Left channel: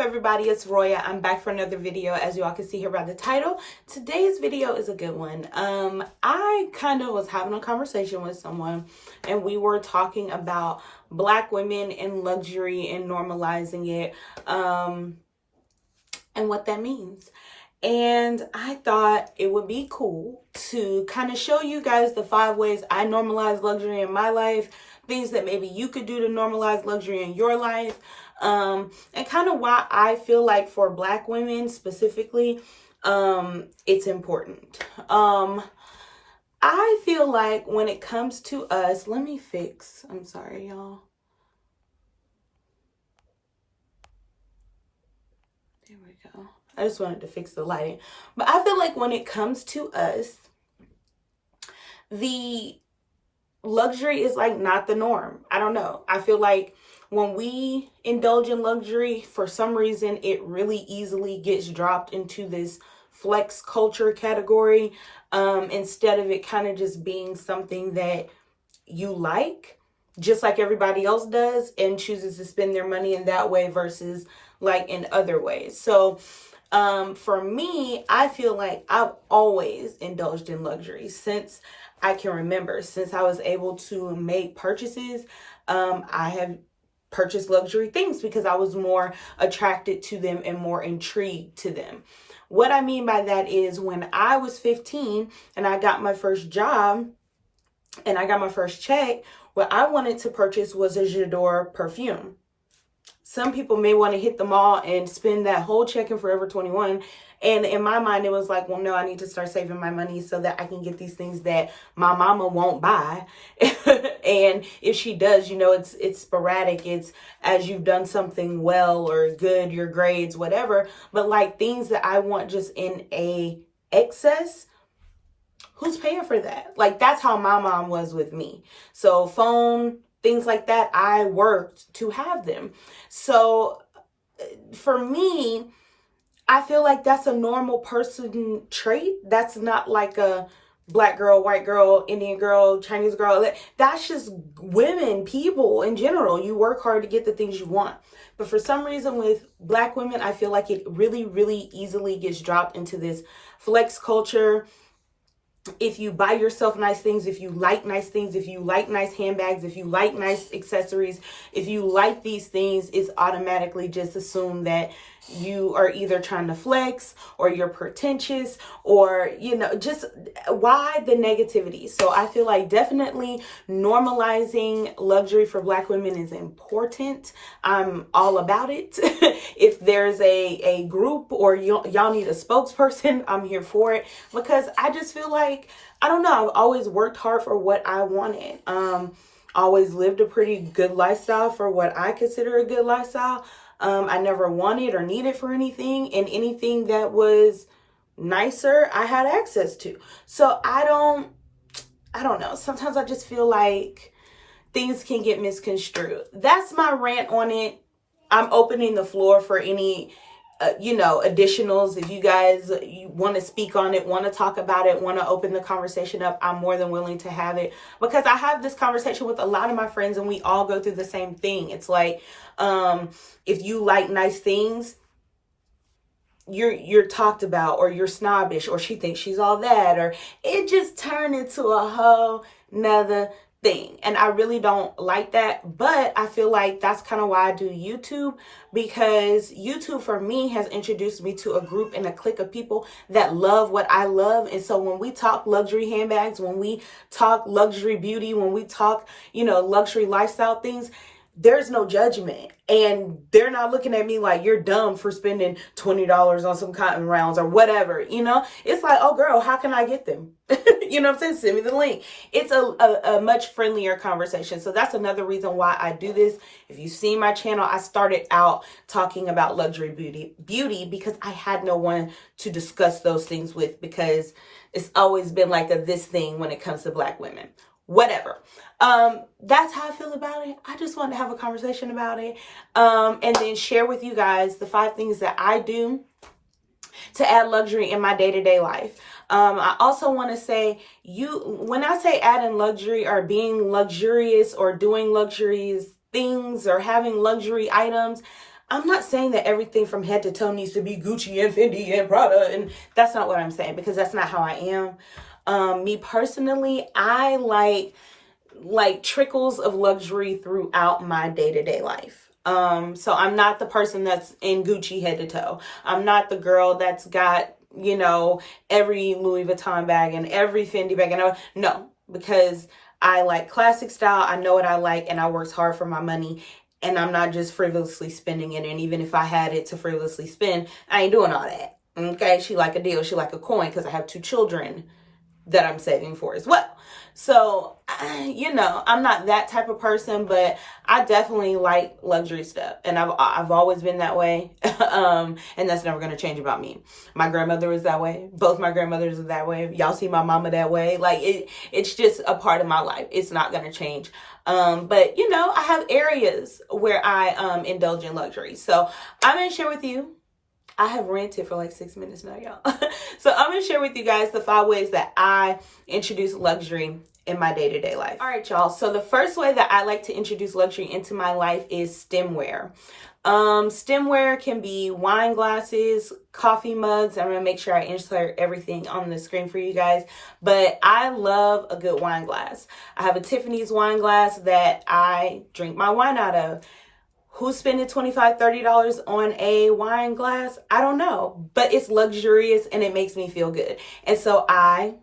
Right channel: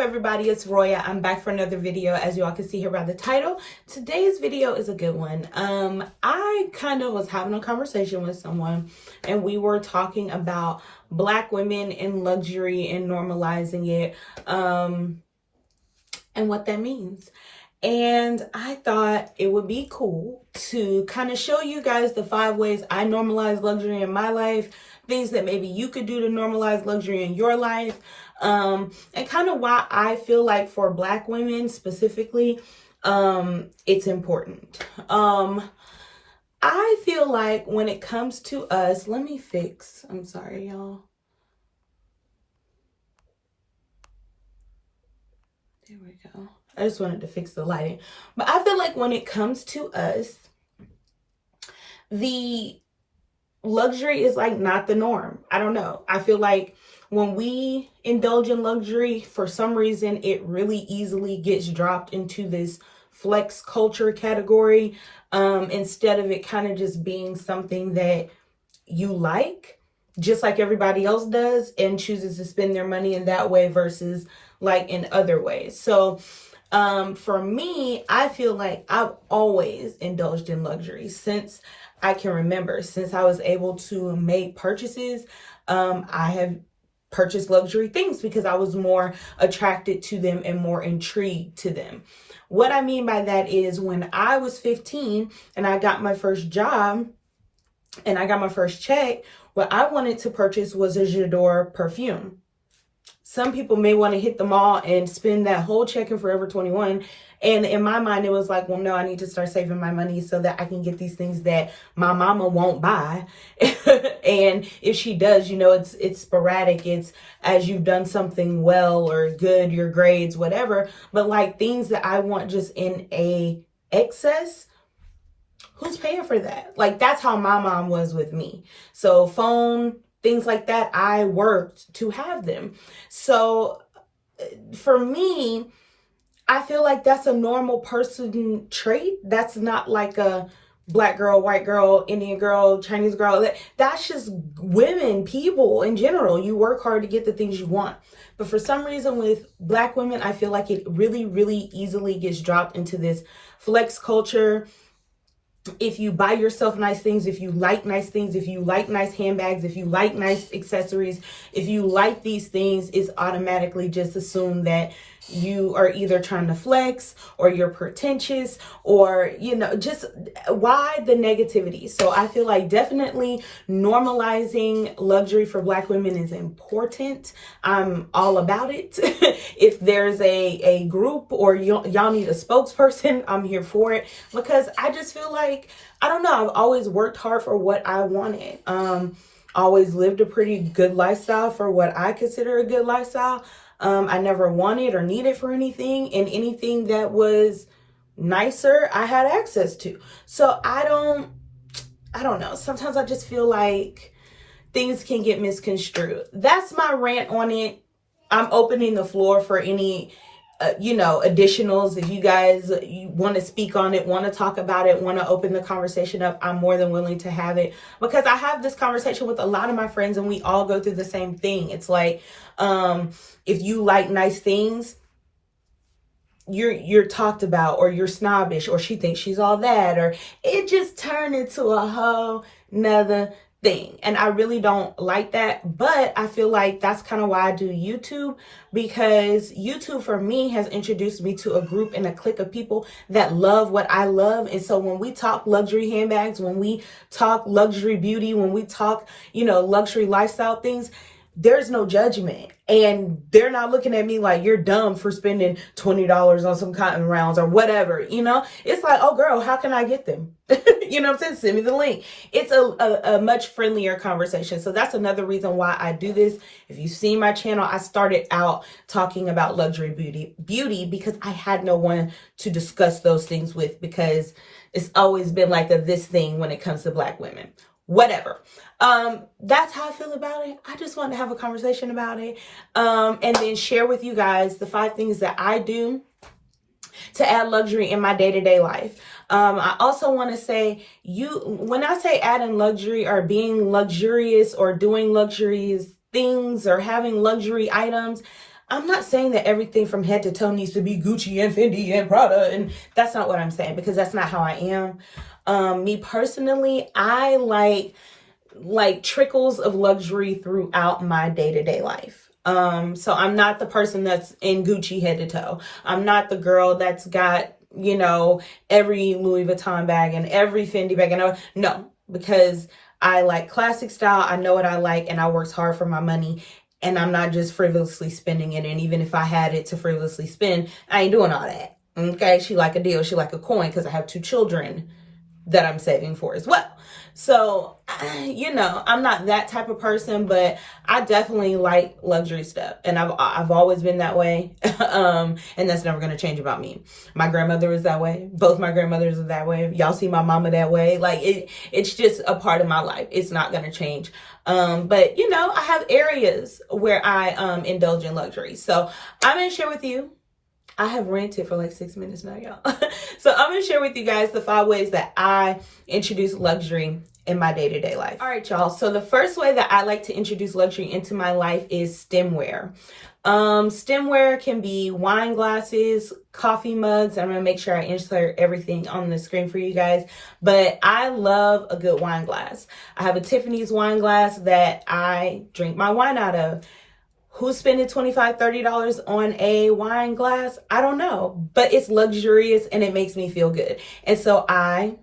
up, everybody? It's Roya. I'm back for another video. As you all can see here by the title, today's video is a good one. I kind of was having a conversation with someone and we were talking about Black women in luxury and normalizing it, and what that means. And I thought it would be cool to kind of show you guys the 5 ways I normalize luxury in my life, things that maybe you could do to normalize luxury in your life, and kind of why I feel like for Black women specifically, it's important. I feel like when it comes to us, I'm sorry, y'all. There we go. I just wanted to fix the lighting. But I feel like when it comes to us, the luxury is like not the norm. I don't know. I feel like when we indulge in luxury, for some reason, it really easily gets dropped into this flex culture category, instead of it kind of just being something that you like, just like everybody else does, and chooses to spend their money in that way versus like in other ways. So for me, I feel like I've always indulged in luxury since I can remember. Since I was able to make purchases, I have purchased luxury things because I was more attracted to them and more intrigued to them. What I mean by that is when I was 15 and I got my first job and I got my first check, what I wanted to purchase was a J'adore perfume. Some people may want to hit the mall and spend that whole check in Forever 21. And in my mind, it was like, well, no, I need to start saving my money so that I can get these things that my mama won't buy. And if she does, you know, it's sporadic. It's as you've done something well or good, your grades, whatever. But like things that I want just in a excess, who's paying for that? Like that's how my mom was with me. So phone, things like that, I worked to have them. So for me, I feel like that's a normal person trait. That's not like a Black girl, white girl, Indian girl, Chinese girl. That's just women, people in general. You work hard to get the things you want. But for some reason with Black women, I feel like it really, really easily gets dropped into this flex culture. If you buy yourself nice things, if you like nice things, if you like nice handbags, if you like nice accessories, if you like these things, it's automatically just assumed that you are either trying to flex or you're pretentious or, you know, just why the negativity? So I feel like definitely normalizing luxury for Black women is important. I'm all about it. If there's a group or y'all need a spokesperson, I'm here for it because I just feel like, I don't know, I've always worked hard for what I wanted. Always lived a pretty good lifestyle for what I consider a good lifestyle. I never wanted or needed for anything, and anything that was nicer, I had access to. So I don't know. Sometimes I just feel like things can get misconstrued. That's my rant on it. I'm opening the floor for any additionals. If you guys want to speak on it, want to talk about it, want to open the conversation up, I'm more than willing to have it because I have this conversation with a lot of my friends and we all go through the same thing. It's like, if you like nice things, you're talked about, or you're snobbish, or she thinks she's all that, or it just turned into a whole nother thing. And I really don't like that, but I feel like that's kind of why I do YouTube, because YouTube for me has introduced me to a group and a clique of people that love what I love. And so when we talk luxury handbags, when we talk luxury beauty, when we talk, luxury lifestyle things, there's no judgment. And they're not looking at me like you're dumb for spending $20 on some cotton rounds or whatever, It's like, oh girl, how can I get them? You know what I'm saying? Send me the link. It's a much friendlier conversation. So that's another reason why I do this. If you've seen my channel, I started out talking about luxury beauty because I had no one to discuss those things with, because it's always been like this thing when it comes to Black women. Whatever. That's how I feel about it. I just wanted to have a conversation about it. And then share with you guys the 5 things that I do to add luxury in my day-to-day life. I also want to say, when I say adding luxury or being luxurious or doing luxurious things or having luxury items, I'm not saying that everything from head to toe needs to be Gucci and Fendi and Prada, and that's not what I'm saying, because that's not how I am. Me personally, I like trickles of luxury throughout my day-to-day life. So I'm not the person that's in Gucci head to toe. I'm not the girl that's got, you know, every Louis Vuitton bag and every Fendi bag. And no, because I like classic style. I know what I like, and I worked hard for my money, and I'm not just frivolously spending it. And even if I had it to frivolously spend, I ain't doing all that. Okay. She like a deal. She like a coin, because I have 2 children that I'm saving for as well. So, you know, I'm not that type of person, but I definitely like luxury stuff, and I've always been that way. And that's never going to change about me. My grandmother was that way. Both my grandmothers are that way. Y'all see my mama that way. Like it's just a part of my life. It's not going to change. But you know, I have areas where I indulge in luxury. So I'm going to share with you. I have ranted for like 6 minutes now, y'all. So I'm going to share with you guys the 5 ways that I introduce luxury in my day-to-day life. All right, y'all. So the first way that I like to introduce luxury into my life is stemware. Stemware can be wine glasses, coffee mugs. I'm going to make sure I insert everything on the screen for you guys. But I love a good wine glass. I have a Tiffany's wine glass that I drink my wine out of. Who's spending $25, $30 on a wine glass? I don't know, but it's luxurious and it makes me feel good. And so I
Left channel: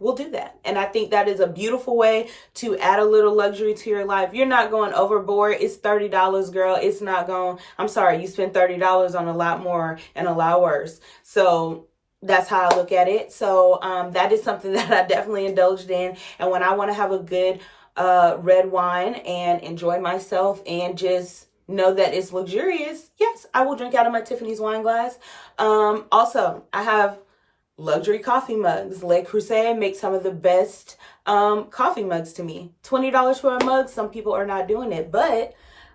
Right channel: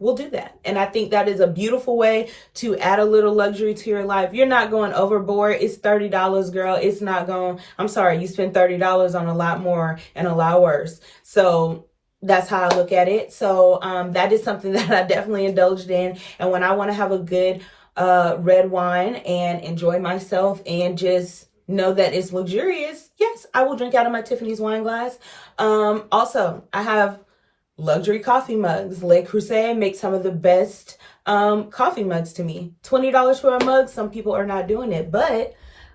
will do that. And I think that is a beautiful way to add a little luxury to your life. You're not going overboard. It's $30, girl. It's not going, I'm sorry, you spend $30 on a lot more and a lot worse. So that's how I look at it. So that is something that I definitely indulged in. And when I want to have a good red wine and enjoy myself and just know that it's luxurious, yes, I will drink out of my Tiffany's wine glass. Also, I have luxury coffee mugs. Le Creuset makes some of the best coffee mugs to me. $20 for a mug. Some people are not doing it, but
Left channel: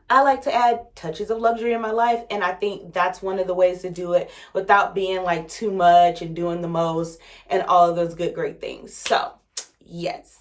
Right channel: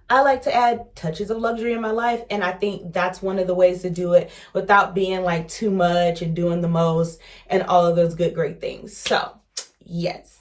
I like to add touches of luxury in my life, and I think that's one of the ways to do it without being like too much and doing the most and all of those good, great things. So, yes.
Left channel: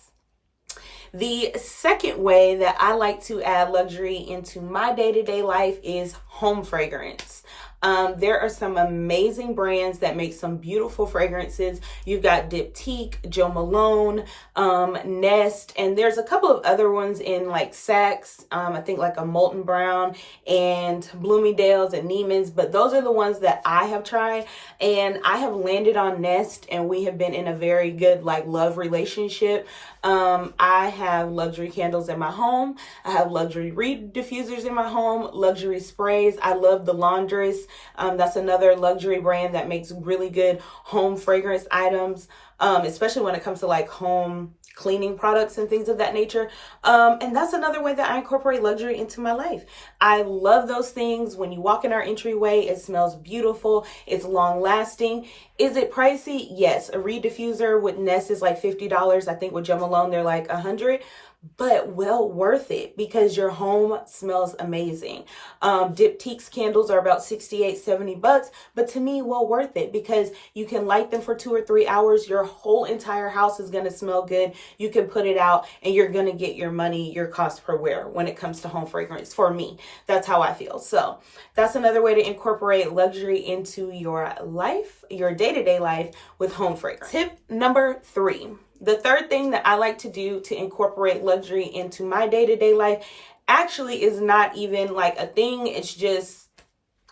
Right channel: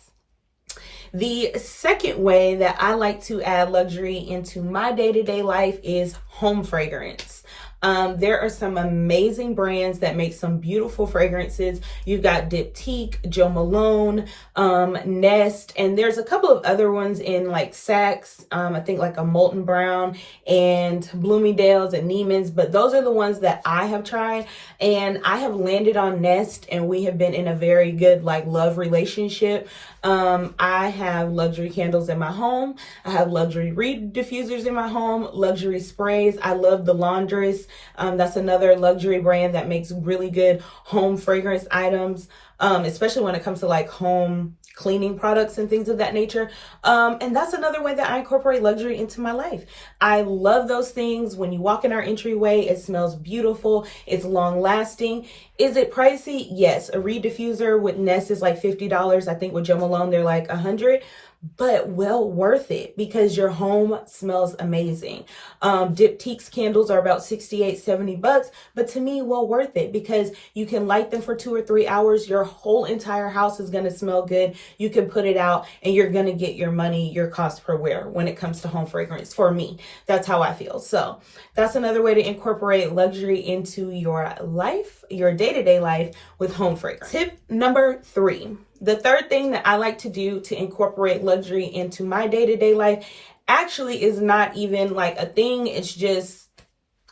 The second way that I like to add luxury into my day-to-day life is home fragrance. There are some amazing brands that make some beautiful fragrances. You've got Diptyque, Jo Malone, Nest, and there's a couple of other ones in like Saks. I think like a Molten Brown and Bloomingdale's and Neiman's, but those are the ones that I have tried, and I have landed on Nest, and we have been in a very good like love relationship. I have luxury candles in my home. I have luxury reed diffusers in my home, luxury sprays. I love the Laundress. That's another luxury brand that makes really good home fragrance items, especially when it comes to like home cleaning products and things of that nature. And that's another way that I incorporate luxury into my life. I love those things. When you walk in our entryway, it smells beautiful. It's long lasting. Is it pricey? Yes. A reed diffuser with Nest is like $50. I think with Jo Malone, they're like $100. But well worth it because your home smells amazing. Diptyque's candles are about $68, $70, but to me, well worth it because you can light them for 2 or 3 hours. Your whole entire house is going to smell good. You can put it out and you're going to get your money, your cost per wear when it comes to home fragrance. For me, that's how I feel. So that's another way to incorporate luxury into your life, your day-to-day life with home fragrance. Tip number 3. The third thing that I like to do to incorporate luxury into my day-to-day life actually is not even like a thing. It's just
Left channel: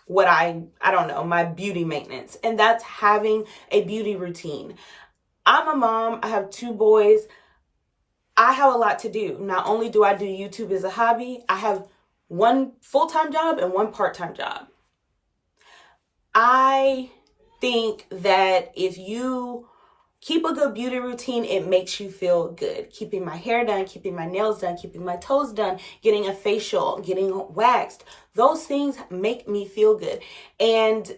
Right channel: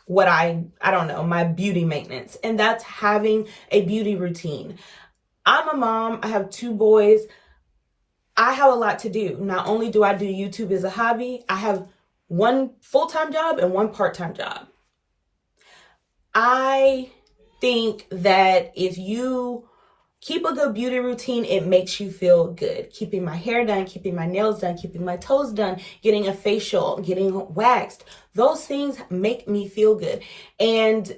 what I don't know, my beauty maintenance. And that's having a beauty routine. I'm a mom. I have 2 boys. I have a lot to do. Not only do I do YouTube as a hobby, I have 1 full-time job and 1 part-time job. I think that if you keep a good beauty routine, it makes you feel good. Keeping my hair done, keeping my nails done, keeping my toes done, getting a facial, getting waxed. Those things make me feel good. And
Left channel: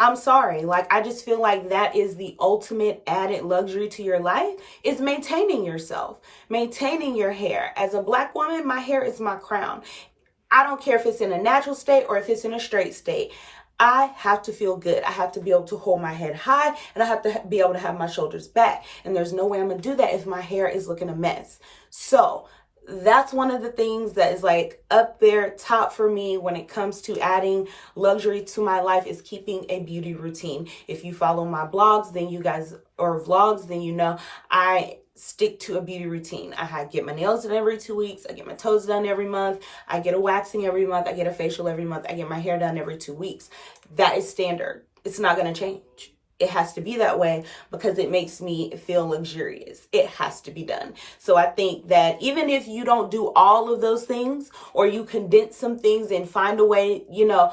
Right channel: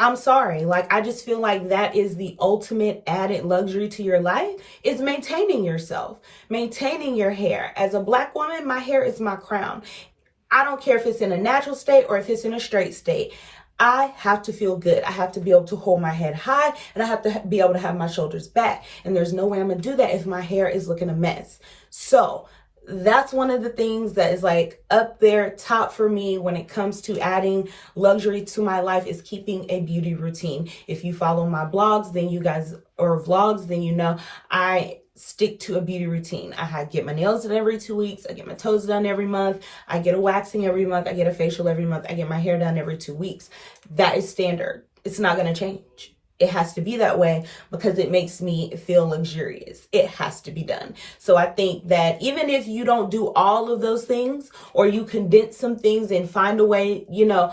I'm sorry, like I just feel like that is the ultimate added luxury to your life is maintaining yourself, maintaining your hair. As a Black woman, my hair is my crown. I don't care if it's in a natural state or if it's in a straight state. I have to feel good. I have to be able to hold my head high and I have to be able to have my shoulders back. And there's no way I'm going to do that if my hair is looking a mess. So that's one of the things that is like up there top for me when it comes to adding luxury to my life, is keeping a beauty routine. If you follow my blogs, then you guys, or vlogs, then you know I stick to a beauty routine. I get my nails done every 2 weeks. I get my toes done every month. I get a waxing every month. I get a facial every month. I get my hair done every 2 weeks. That is standard. It's not going to change. It has to be that way because it makes me feel luxurious. It has to be done. So I think that even if you don't do all of those things, or you condense some things and find a way, you know,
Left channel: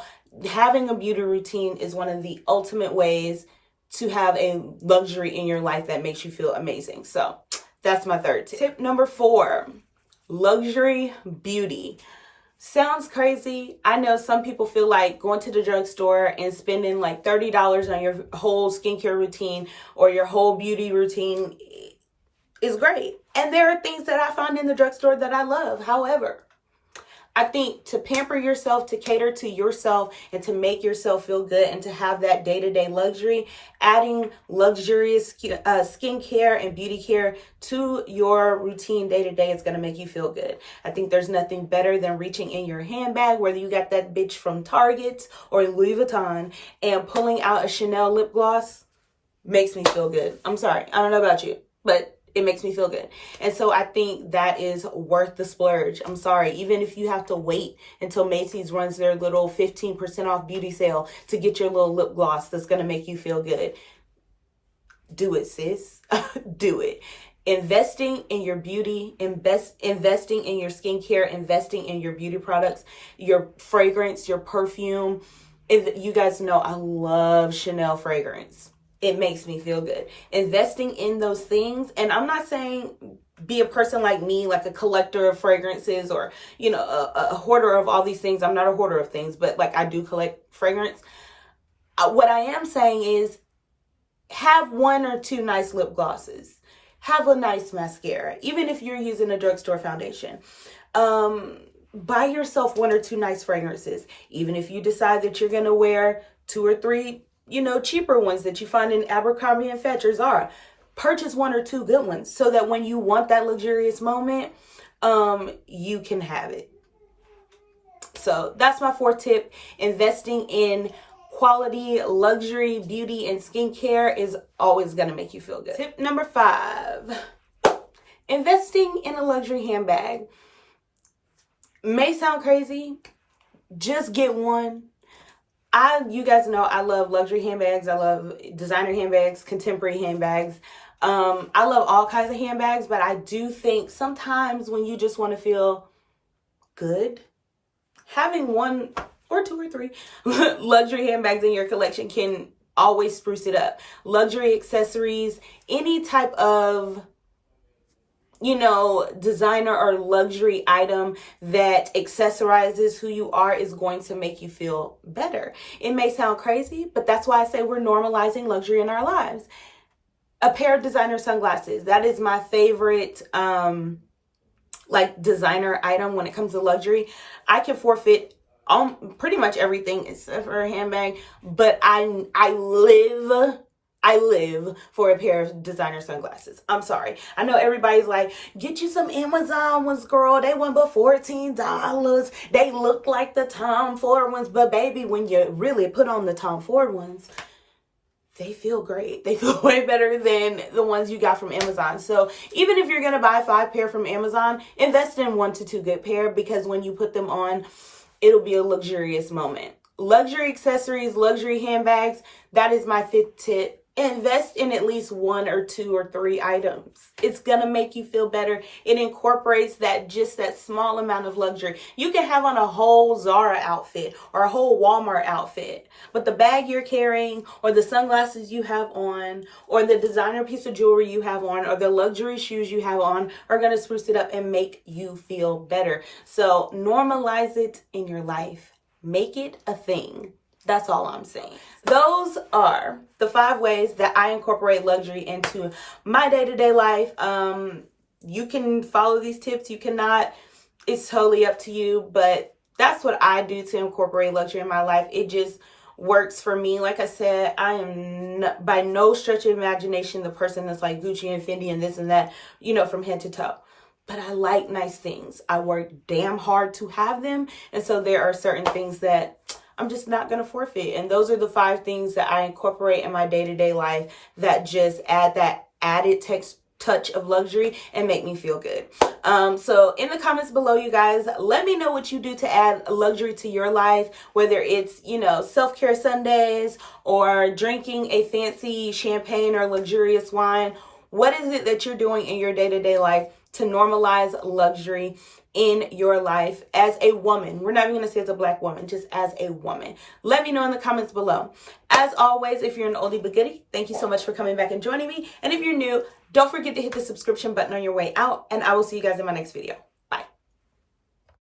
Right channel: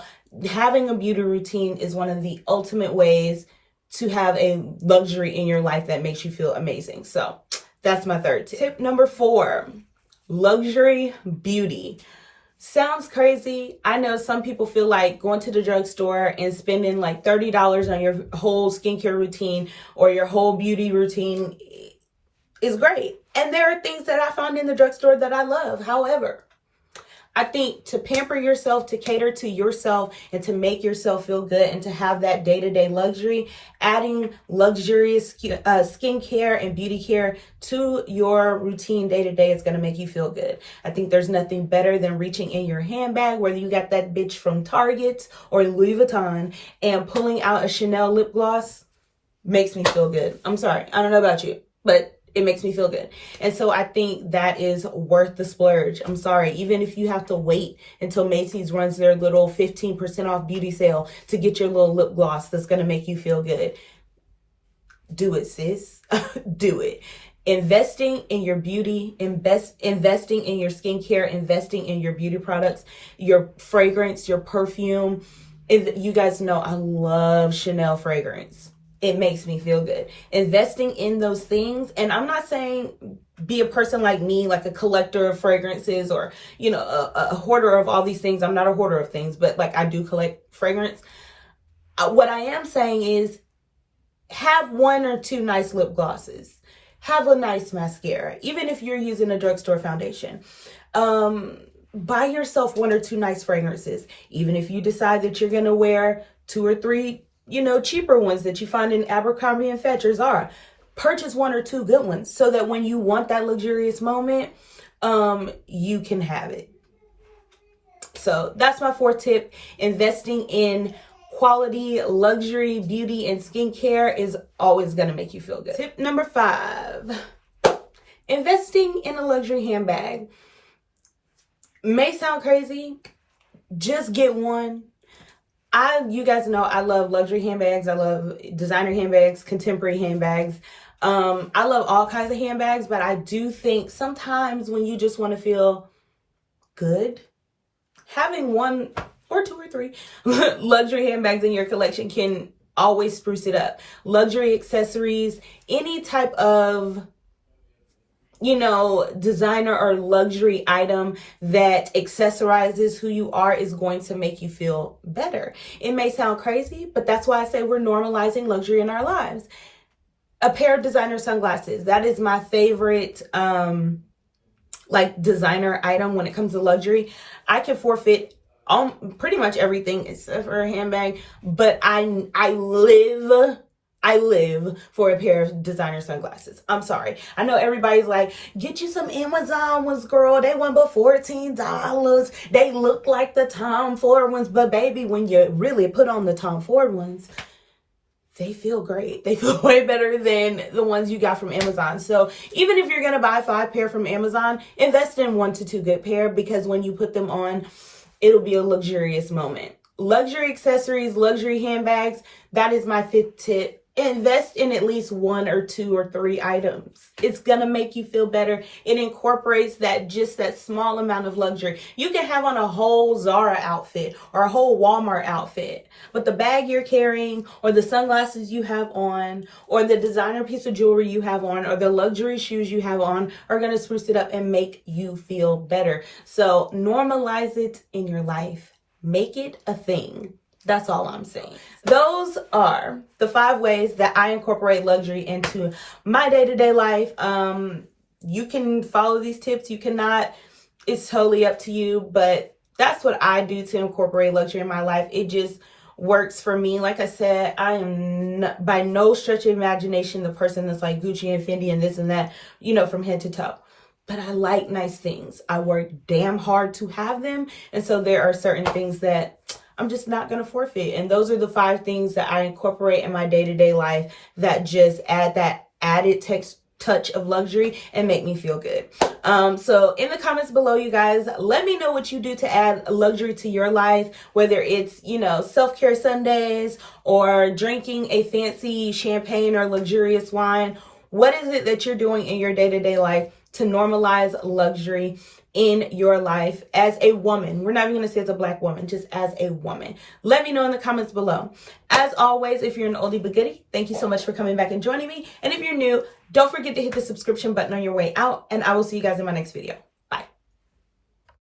having a beauty routine is one of the ultimate ways to have a luxury in your life that makes you feel amazing. So that's my third tip. Tip number 4, luxury beauty. Sounds crazy. I know some people feel like going to the drugstore and spending like $30 on your whole skincare routine or your whole beauty routine is great. And there are things that I find in the drugstore that I love. However, I think to pamper yourself, to cater to yourself, and to make yourself feel good, and to have that day-to-day luxury, adding luxurious skincare and beauty care to your routine day-to-day is going to make you feel good. I think there's nothing better than reaching in your handbag, whether you got that bitch from Target or Louis Vuitton, and pulling out a Chanel lip gloss. Makes me feel good. I'm sorry. I don't know about you, but it makes me feel good. And so I think that is worth the splurge. I'm sorry. Even if you have to wait until Macy's runs their little 15% off beauty sale to get your little lip gloss that's going to make you feel good. Do it, sis. Do it. Investing in your beauty, investing in your skincare, investing in your beauty products, your fragrance, your perfume. You guys know I love Chanel fragrance. It makes me feel good. Investing in those things. And I'm not saying be a person like me, like a collector of fragrances, or, you know, a hoarder of all these things. I'm not a hoarder of things, but like I do collect fragrance. What I am saying is have 1 or 2 nice lip glosses. Have a nice mascara. Even if you're using a drugstore foundation. Buy yourself 1 or 2 nice fragrances. Even if you decide that you're going to wear 2 or 3, you know, cheaper ones that you find in Abercrombie and Fitch or Zara. Purchase 1 or 2 good ones so that when you want that luxurious moment, you can have it. So that's my 4th tip. Investing in quality, luxury, beauty, and skincare is always going to make you feel good. Tip number 5, investing in a luxury handbag. May sound crazy. Just get one. You guys know I love luxury handbags. I love designer handbags, contemporary handbags. I love all kinds of handbags, but I do think sometimes when you just want to feel good, having 1 or 2 or 3 luxury handbags in your collection can always spruce it up. Luxury accessories, any type of, you know, designer or luxury item that accessorizes who you are is going to make you feel better. It may sound crazy, but that's why I say we're normalizing luxury in our lives. A pair of designer sunglasses. That is my favorite, like designer item when it comes to luxury. I can forfeit pretty much everything except for a handbag, but I live for a pair of designer sunglasses. I'm sorry. I know everybody's like, get you some Amazon ones, girl. They went but $14. They look like the Tom Ford ones. But baby, when you really put on the Tom Ford ones, they feel great. They feel way better than the ones you got from Amazon. So even if you're going to buy 5 pair from Amazon, invest in 1 to 2 good pair, because when you put them on, it'll be a luxurious moment. Luxury accessories, luxury handbags. That is my 5th tip. Invest in at least 1 or 2 or 3 items. It's going to make you feel better. It incorporates that small amount of luxury. You can have on a whole Zara outfit or a whole Walmart outfit, but the bag you're carrying, or the sunglasses you have on, or the designer piece of jewelry you have on, or the luxury shoes you have on are going to spruce it up and make you feel better. So normalize it in your life. Make it a thing. That's all I'm saying. Those are the 5 ways that I incorporate luxury into my day-to-day life. You can follow these tips. You cannot. It's totally up to you. But that's what I do to incorporate luxury in my life. It just works for me. Like I said, I am by no stretch of imagination the person that's like Gucci and Fendi and this and that, you know, from head to toe. but I like nice things. I work damn hard to have them. And so there are certain things that I'm just not going to forfeit. And those are the 5 things that I incorporate in my day-to-day life that just add that added touch of luxury and make me feel good. So in the comments below, you guys, let me know what you do to add luxury to your life, whether it's, self-care Sundays or drinking a fancy champagne or luxurious wine. What is it that you're doing in your day-to-day life to normalize luxury in your life as a woman? We're not even going to say as a Black woman, just as a woman. Let me know in the comments below. As always, if you're an oldie but goodie, thank you so much for coming back and joining me. And if you're new, don't forget to hit the subscription button on your way out, and I will see you guys in my next video.